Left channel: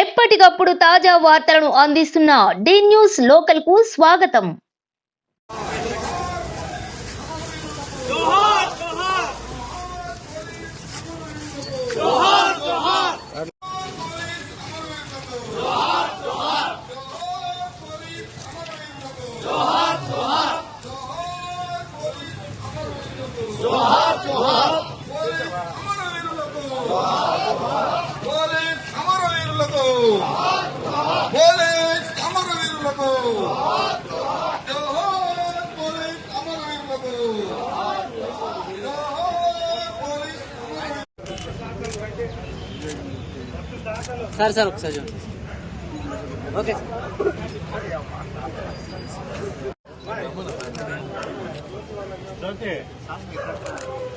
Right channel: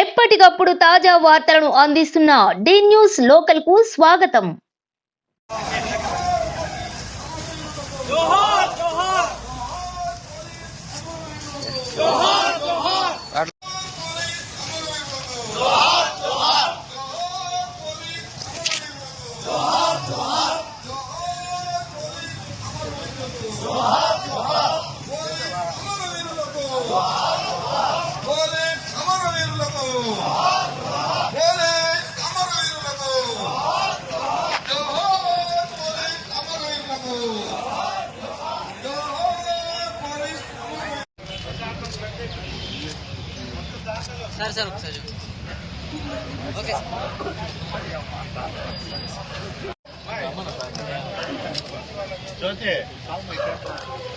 ఎప్పటికప్పుడు తాజా వార్తలను అందిస్తున్న డి న్యూస్ లోకల్ కు స్వాగతం. సార్ ఒకసారి okay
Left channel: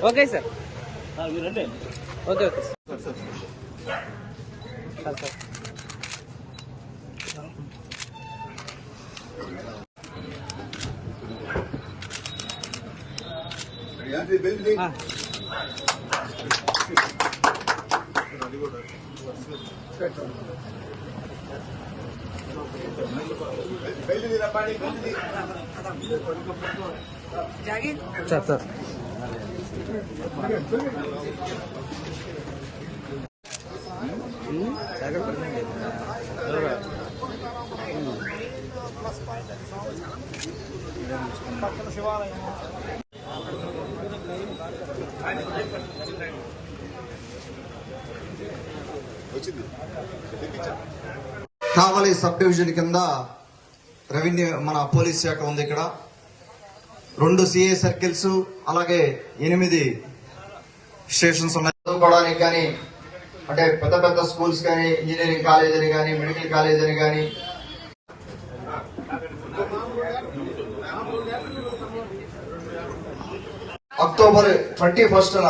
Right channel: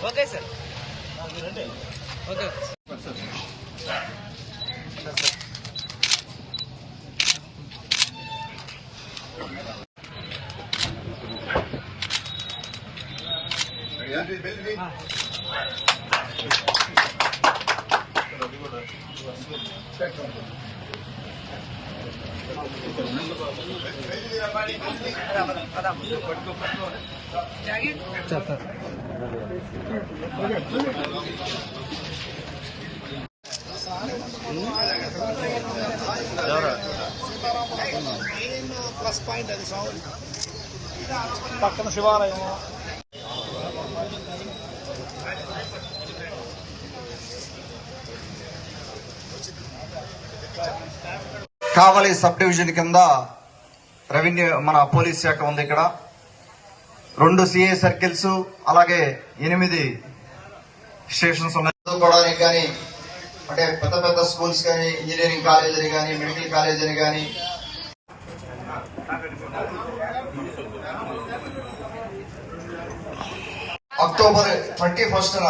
okay sir okay okay sir sir ఎవరా పక్కన శివాలయం కావలి సబ్ డివిజన్ కింద రెవెన్యూ మన పోలీస్ శాఖ ఉంది. ఇక్కడ 2 సిఐ సర్కిల్స్ అలాగే 8 స్టేషన్స్ ఉన్నాయి. చదువుకోవడానికి కానీ అంటే పెద్ద పెద్ద స్కూల్స్ కానీ, ఇంజనీరింగ్ కాలేజ్ అని కానీ, మెడికల్ కాలేజ్ అని కానీ అక్టోబర్ 21న